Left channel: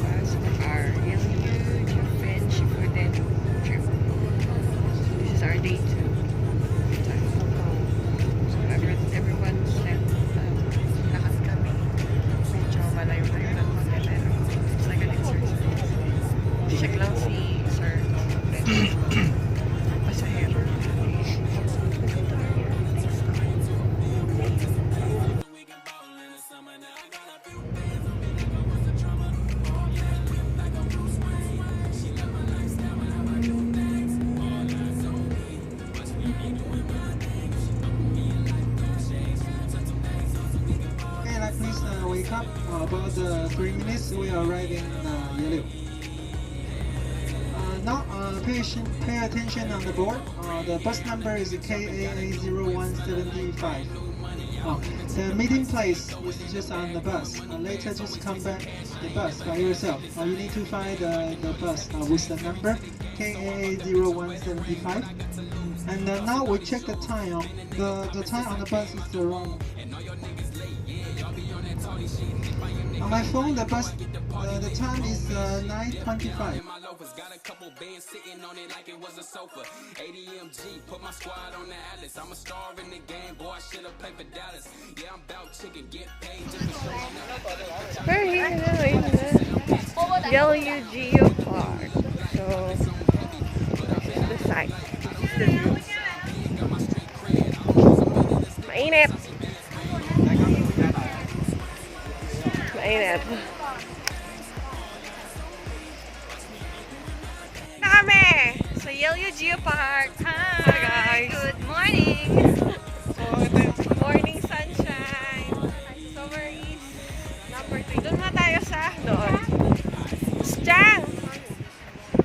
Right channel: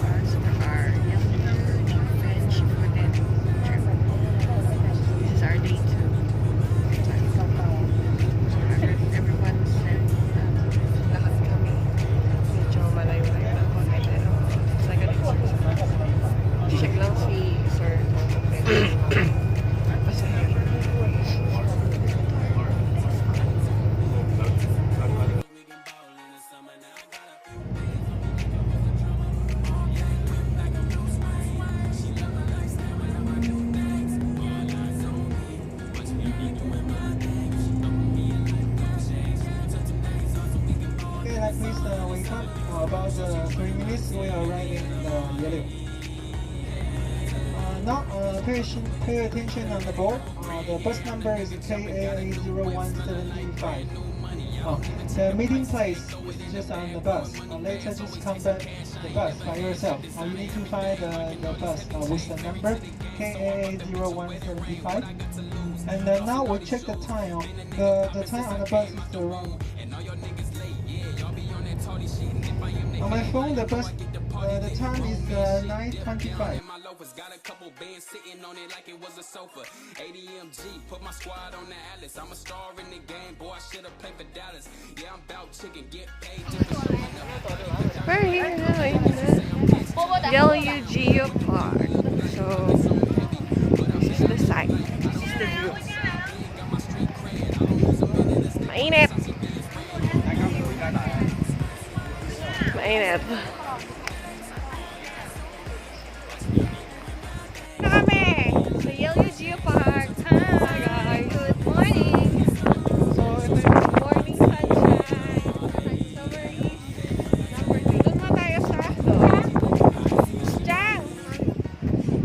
bus for our Yehliu, Jiufen, Shifen trip. This is our day 2. Everyone said lakad kami. Medyo malayo-layo ng konti pero it's like an exercise. Check lang si Sir kung kompleto yung mga pasahero. Please wake up. About 3 minutes, we are arriving in Yehliu. Now, pay attention on the board. The bus number is KAA0175. The meeting place is just on the bus. Later, just come back the bus by yourself. You need to find the bus with the number KAA0175. And now we check the time. The time on the bus is the wrong. On my phone, the bus, the time is 9:25. Got a couple bands sitting on it like it was a sofa. ADMG, put my squad on the Atlas. I'm a star in the game, boy. I should have played for Dallas. Yeah, I'm about chicken, get paid just for showing up. We're here now in the Yehliu Geo Park. So, this is the site. This is the view. Mainit! Mainit. Kami sa Yehliu Geo Park. Hi guys. Good morning. Good morning sunshine. Summer number 3. Doon na tayo sa Chang.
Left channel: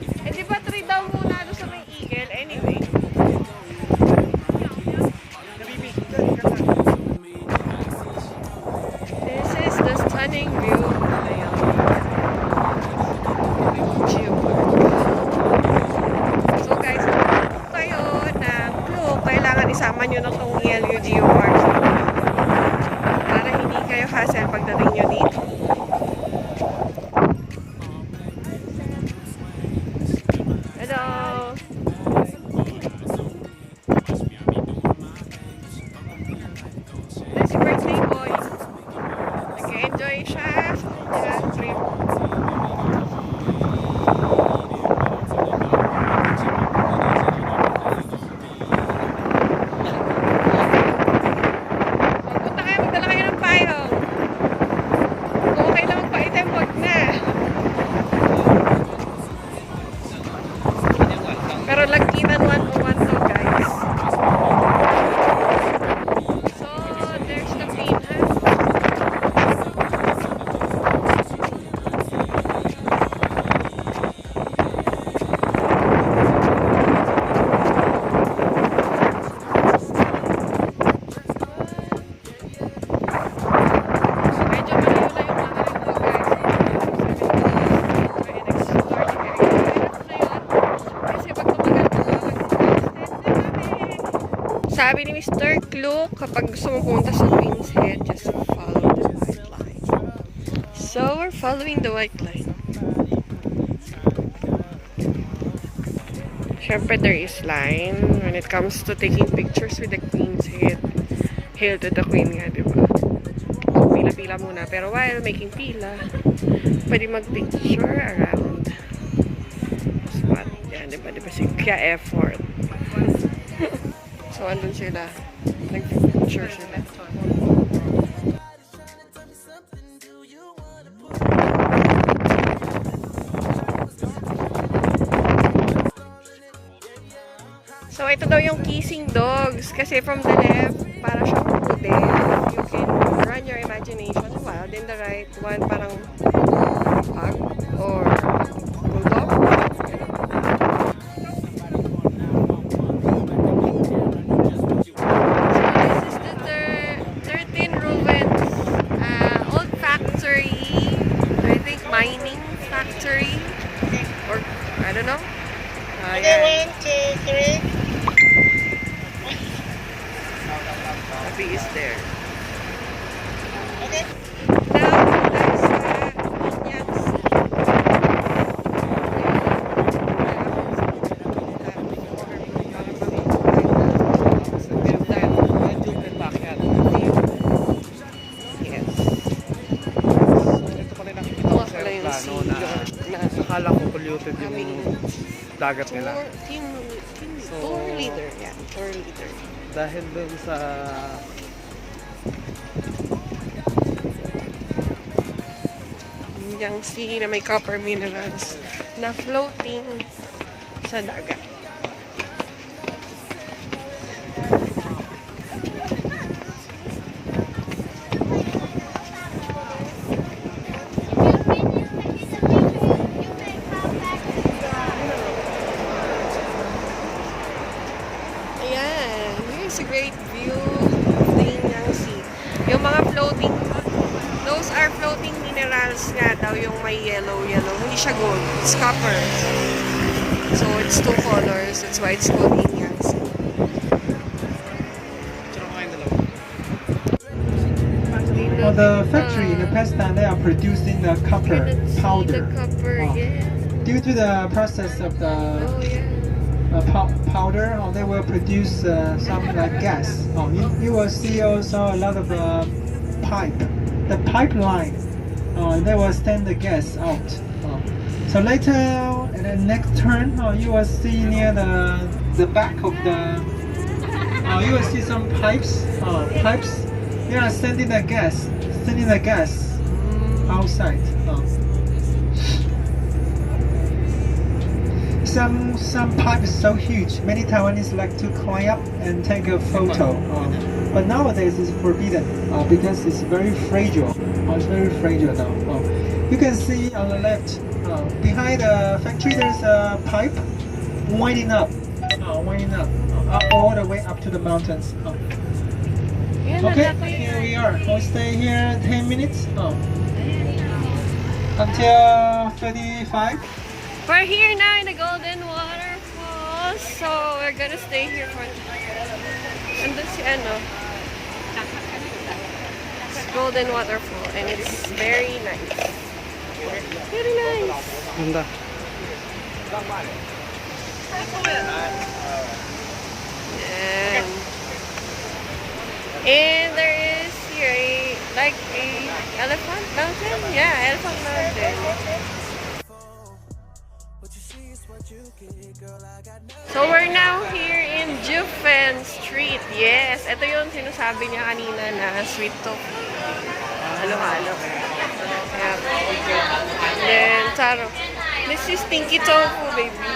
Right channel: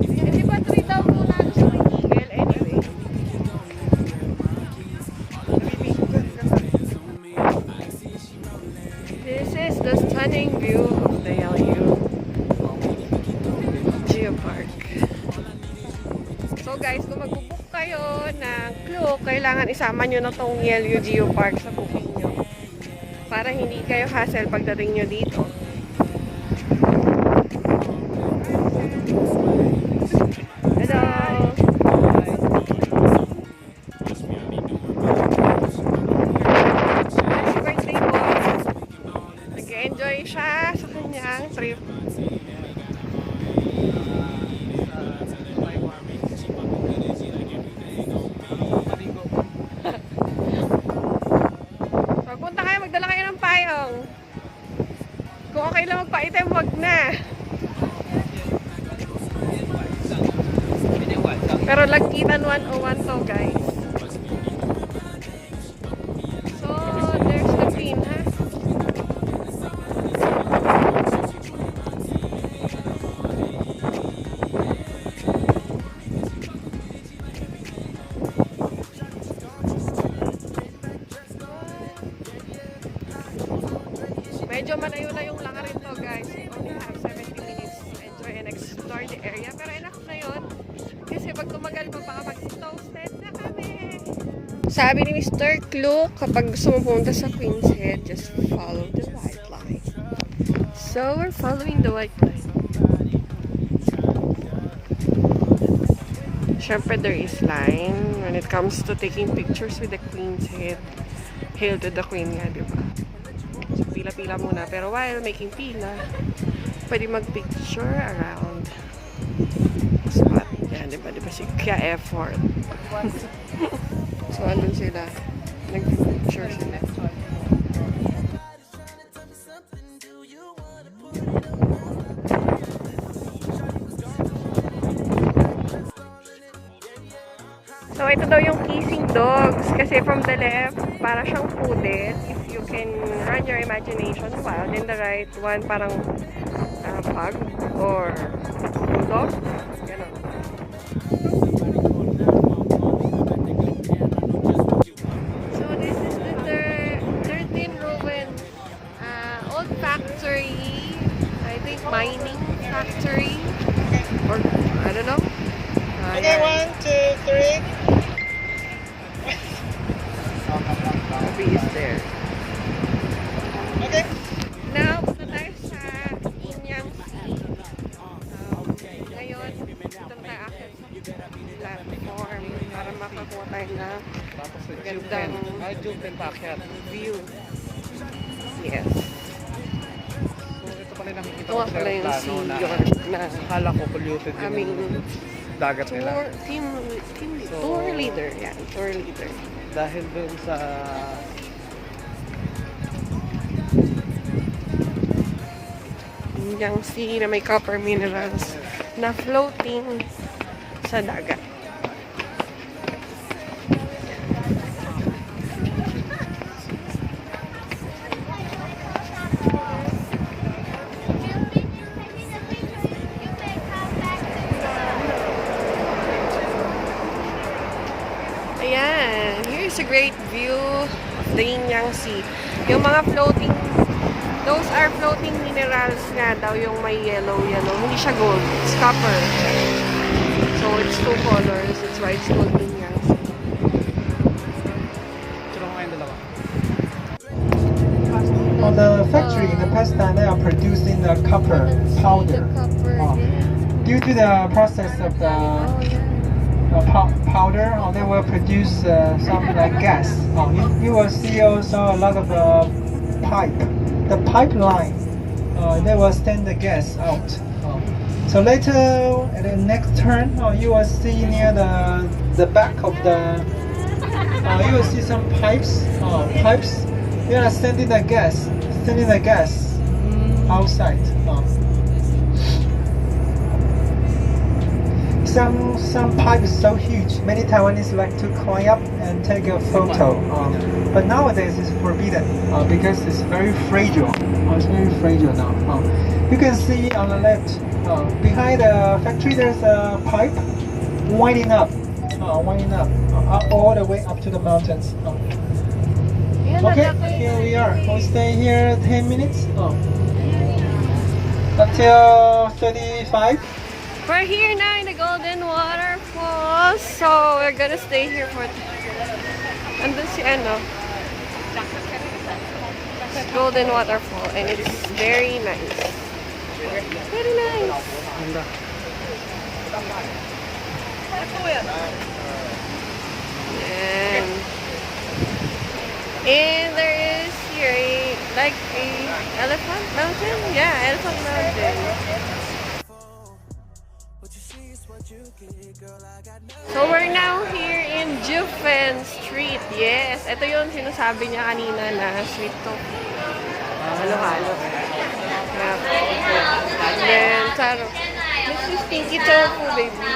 Hindi ba 3 daw muna sa Miguel anyway. This is the stunning view of the Yehliu Geo Park. So guys, kung kayo ng clue, kailangan isama nyo na tong Yehliu Geo Park para hindi kayo hassle pagdating nyo dito. Hello! Happy birthday, boy! Nag-enjoy siya sa trip. Pagpunta kayo, magdala kayo ng payong. Kung okay na magpa-item, wag na. Pero lagkitan 101 to, guys. So, there's the pin, ha? Medyo malayo na yung lakarin ko, guys. Try and explore the area. Pero na yun. Kasi pag tumagal ko, sabi ni Mr. Clue, kapag gusto mo pumunta sa Queen's Head, just follow the white line. So, we're following the white line. Siyempre, there is line when it comes to taking pictures with the Queen's Head. Hail to the Queen nga, diba? So, pila-pila muna. Pero while making pila, pwede mag-picture around spot. Yan, diba? Diba si Kaya effort. So, andun sila. Nag-picture sila. So, ito daw yung kissing dogs. Kasi from the left, para siyang poodle. You can run your imagination while in the right one, parang pug or bulldog. Ganun. Old factory, I think mining factory, or I don't know. Yeah. 1, 2, 3. Abby is there. Okay. Now, there's Inyang Sea. nga pala yung Sea York na Akala ko polluted din aming yung dagat nila. tour leader. Yan, tour leader. Dahil dun sa Yung sea na may copper minerals na floating sa dagat. Ayan, here's a great view of the Yingyang Sea. Yung mga floating, those are floating minerals nga daw, yung may yellow. Hindi siya gold, it's copper. So it's two colors, that's why it's called Yingyang Sea. well, the factory in the past time they are producing the copper powder. Due to the process of the powder, they will produce some like gas. You will see also a lot of pipe. The pipeline, they will send the gas out. So later, at the next turn, you will see near the back of the, you will see some pipes. They are sending the gas outside. Some pipe is so huge. Many Taiwanese like to climb up and take a photo. But nowadays it's forbidden because it's very fragile. It's very fragile now. You can see on the left, behind the factory, there's a pipe winding up all the way up to the mountains. Okay, here we are. We'll stay here 10 minutes until 35. We're here now in the Golden Waterfalls, so we're gonna stay here for andun si Golden Waterfall, and it's very nice. Very nice. And there is here like a elephant mountain. Yeah, elephant mountain. So we're now here in Jiufen Street. Yes, ito yung sinasabi niya kanina na sweet talk. Halo-halo. Yep. And then, Taro. This is stinky tofu, baby.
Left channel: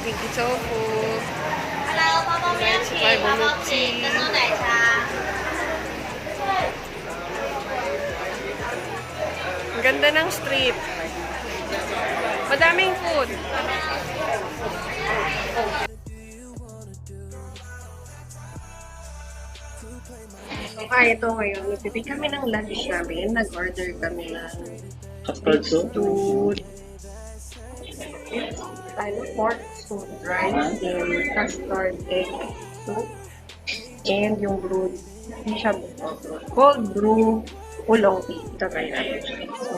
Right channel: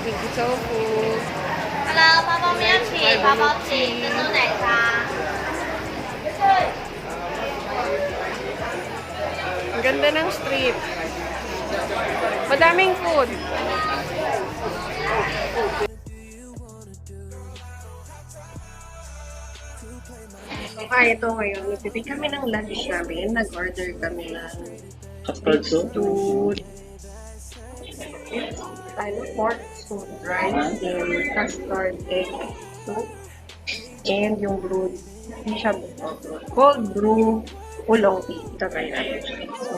Stinky tofu. Let's try bubble tea. Ang ganda ng street. Madaming food. Ito ngayon. Nagpipig kami ng lunch namin. Nag-order kami ng food. Pork soup, rice, and custard egg soup. And yung brewed, cold brew, oolong tea. Ito tayo natin. So,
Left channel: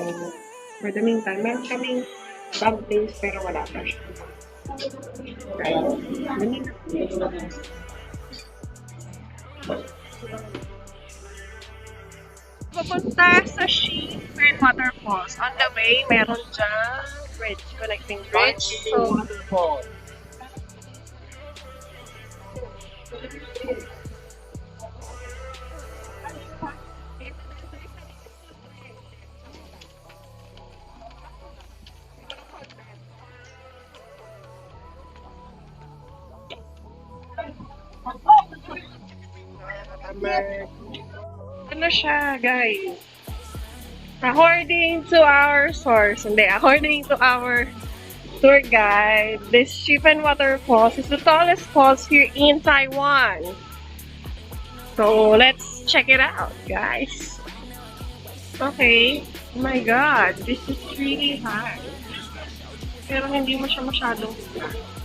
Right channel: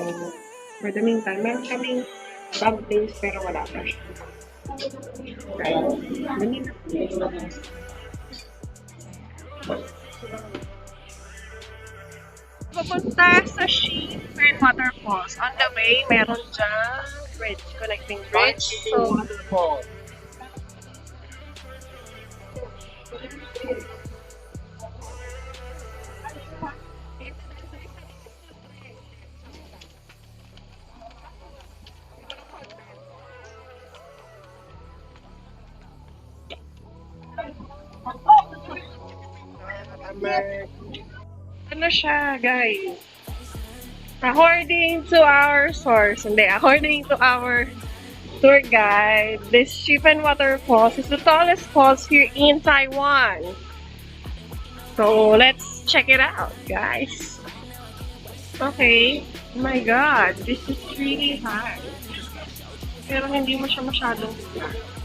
for the meantime, meron kaming dumplings pero wala pa siya. Okay. Papunta sa Shifen Waterfalls. On the way, meron dyan bridge, connecting bridge. So, waterfall. Ano siya, guys? According to our source, according to our tour guide, this Shifen Waterfalls is the tallest falls here in Taiwan. So, let's check it out, guys. Okay. Oh my God, this is really high. Pero hindi mo siya masyadong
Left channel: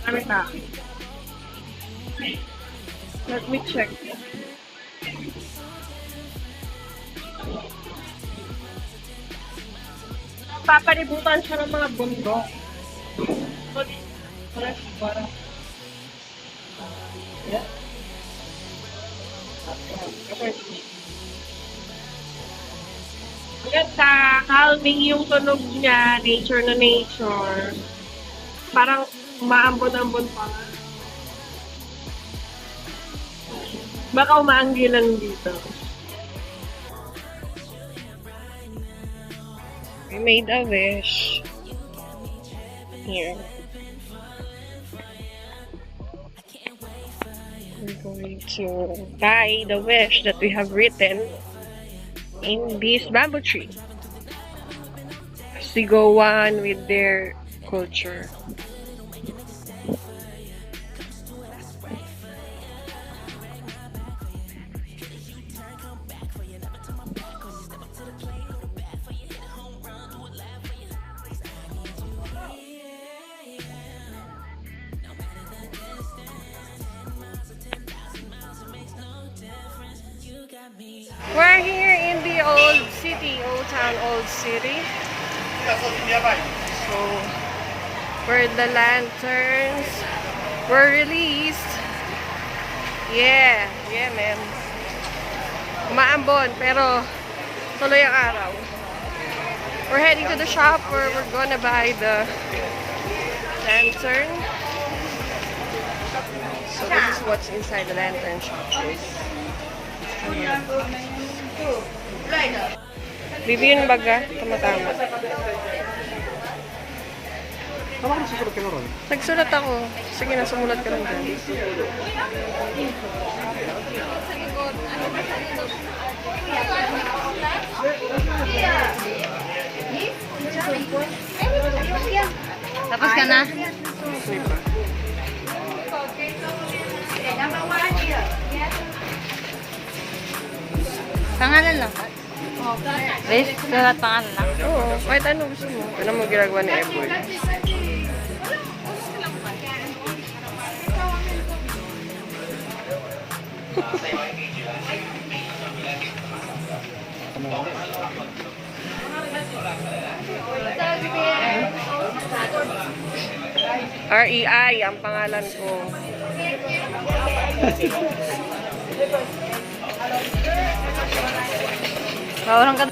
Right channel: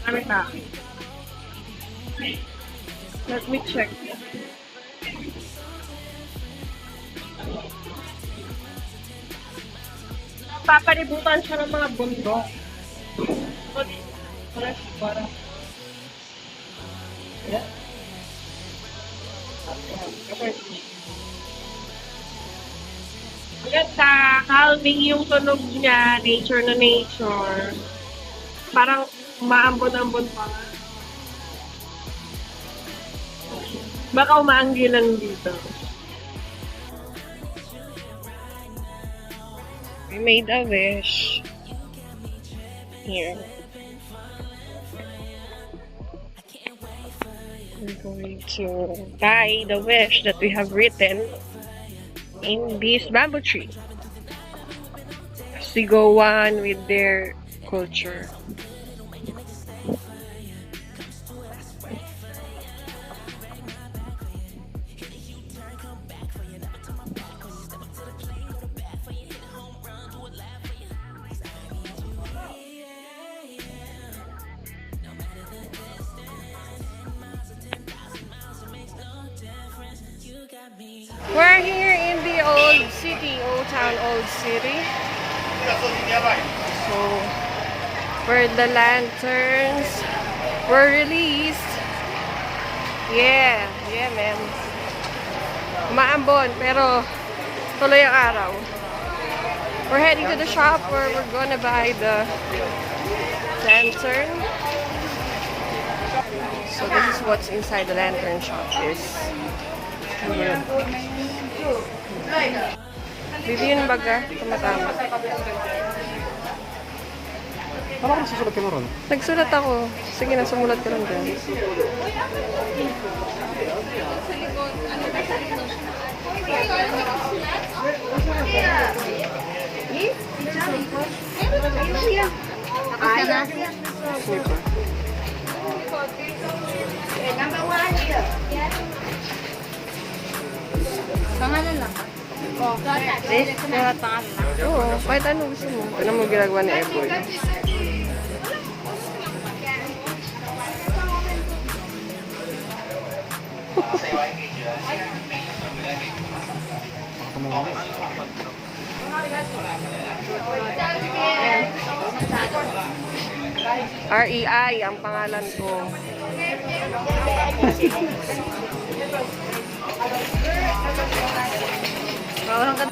dami. Let me check. Papalibutan siya ng mga bundok. Yeah. Ganda, calming yung tunog niya, nature na nature. Parang umaambon-ambon pa. Baka umaanggi lang dito. We made a wish. Here. We're going to buy the wish that we have written in this bamboo tree. As we go on with their culture. We're here in the old city, old town, old city. So, where the lanterns were released. Yeah, man. Maambon, pero tuloy ang araw. We're heading to the shop where we're gonna buy the lantern. So this is what's inside the lantern shop. Bibiyon baga, tama-tama. Parang nagsusulat ka na ron? Nagsulat ako. Sige na, sumulat ka lang dyan. Tapos ka na? Sige. Pangalan lang. Lahat pangalan lang. Oo, kahit ano gusto mo. Ano mo ginagawa ni Eboy? REI ang pangalan ko. Orang ka.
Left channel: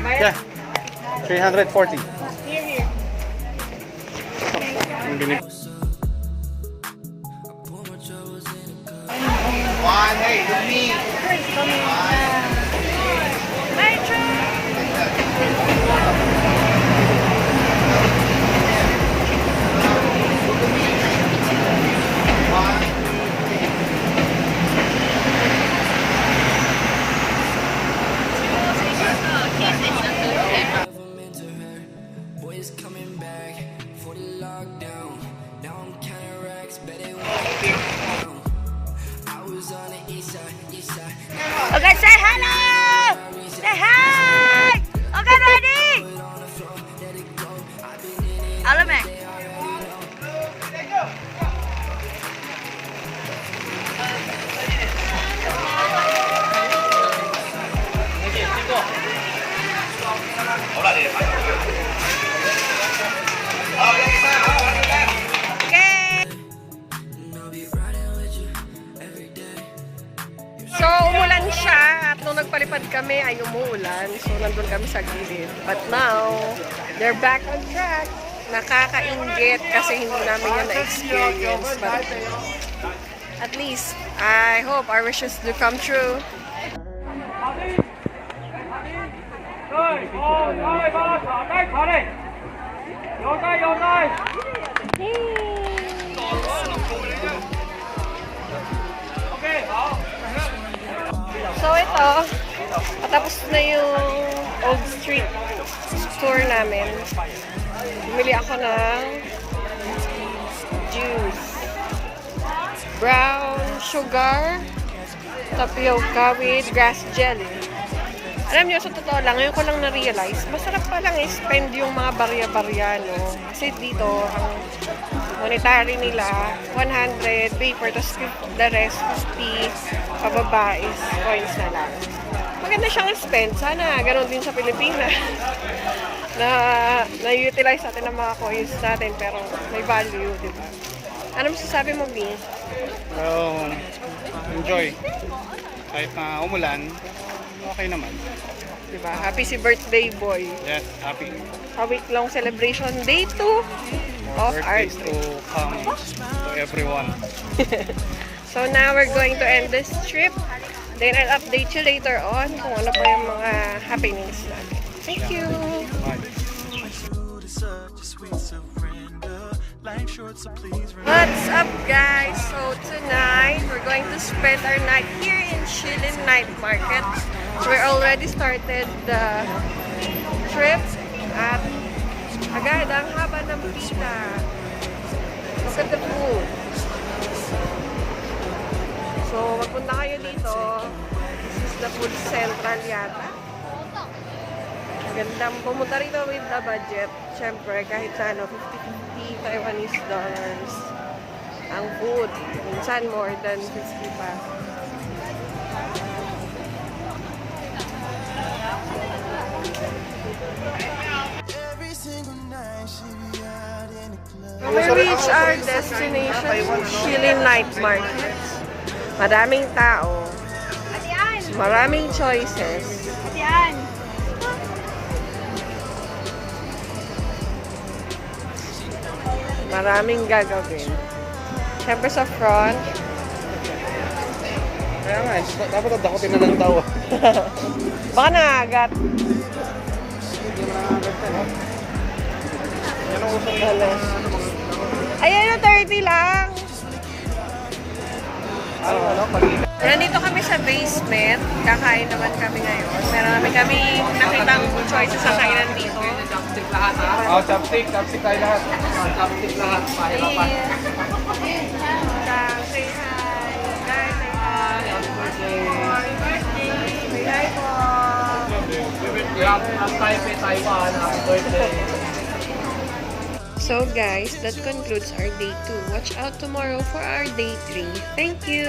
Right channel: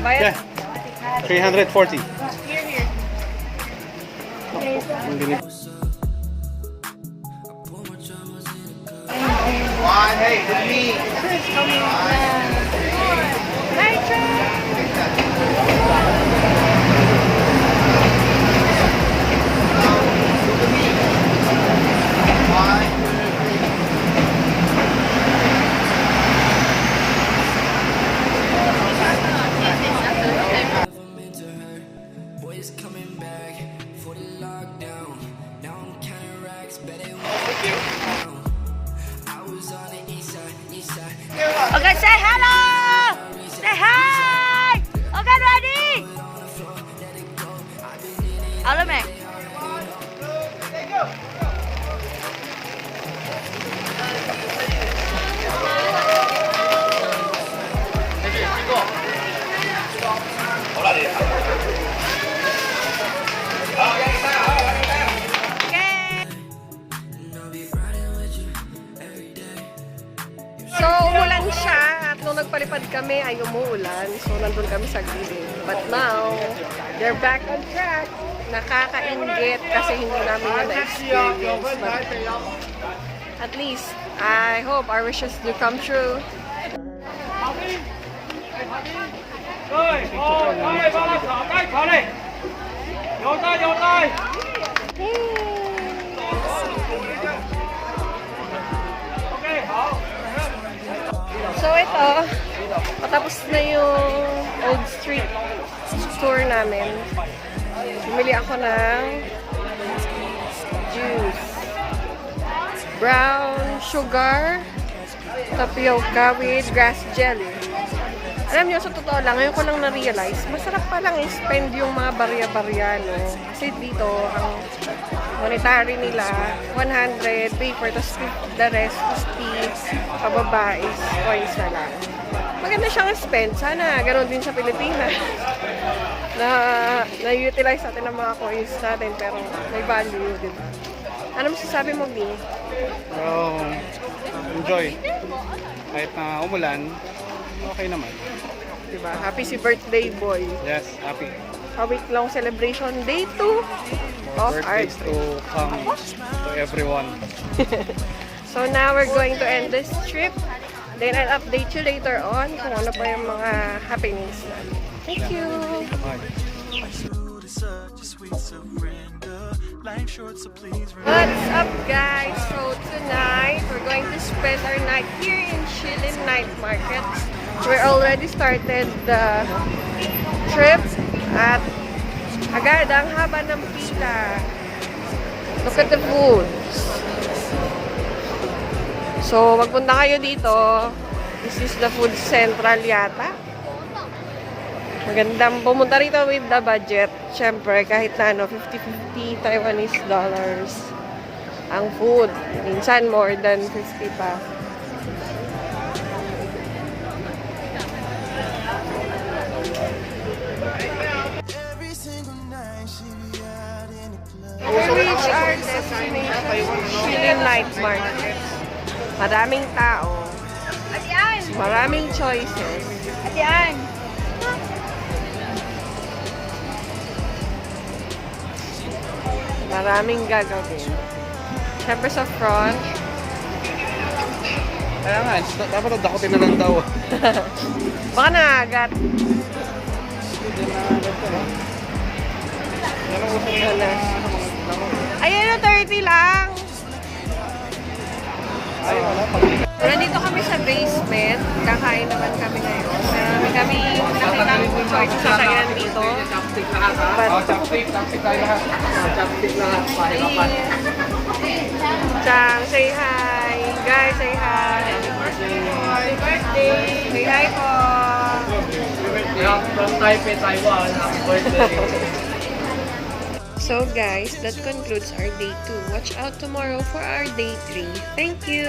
Bayad? Yeah. 340. Here. Boys coming back for the lockdown. Now I'm counting racks, bet they want I was on the east side. Okay, say hello! Say hi! Okay, ready? Alam eh. So, umulan siya at nung nagpalipad kami ay umuulan. So, nandun kami sa gilid. But now, they're back on track. Nakakainggit kasi hindi namin yan na-experience. But at least, I hope our wishes do come true. So ito, patapos na yung old street tour namin. Bumili ako ng juice. Brown sugar, tapioca with grass jelly. Alam niyo, sa totoo lang, ngayon ko lang na-realize, masarap palang i-spend yung mga barya-barya, no? Kasi dito, ang monetary nila, 100 paper, tapos the rest, 50 pababa is coins na lang. Maganda siyang spend. Sana ganun din sa Pilipinas. Na-utilize natin ang mga coins natin, pero may value, di ba? Ano masasabi mo, B? So, enjoy. Kahit na umulan, okay naman. Diba? Happy si birthday boy. Yes, happy. A week-long celebration, day 2 of our Birthdays trip. to come to everyone. So now we're going to end this trip. Then I'll update you later on kung ano pa yung mga happenings natin. Thank you! Bye. What's up, guys? So tonight we're going to spend our night here in Shilin Night Market. We're already started the trip at agad ang haba ng pista. Look at the food. So magpunta kayo dito. This is the food central yata. Magandang pumunta rito with the budget. Siyempre, kahit na ano, 50-50 Taiwanese dollars ang food. Minsan, more than 50 pa. Our destination, Shilin Night Market. Maraming tao. Maraming choices. Maraming gagawin. Siyempre sa front. Kaya nga, dapat dakotin na lang daw. Baka nangagat. Yan ang uso rin. Ayan yung 30 lang. Ay, wala pala. Nandito kami sa basement. Kakain naman kami ngayon. Meron namin kami nakitang choices sa kainan dito. Chopstick tayo lahat. Chopstick lahat. Chang, say hi. Guys, say hi. Happy birthday. Say hi po. Happy birthday. From Taipei, Taiwan. Happy birthday. So guys, that concludes our day 2. Watch out tomorrow for our day 3. Thank you!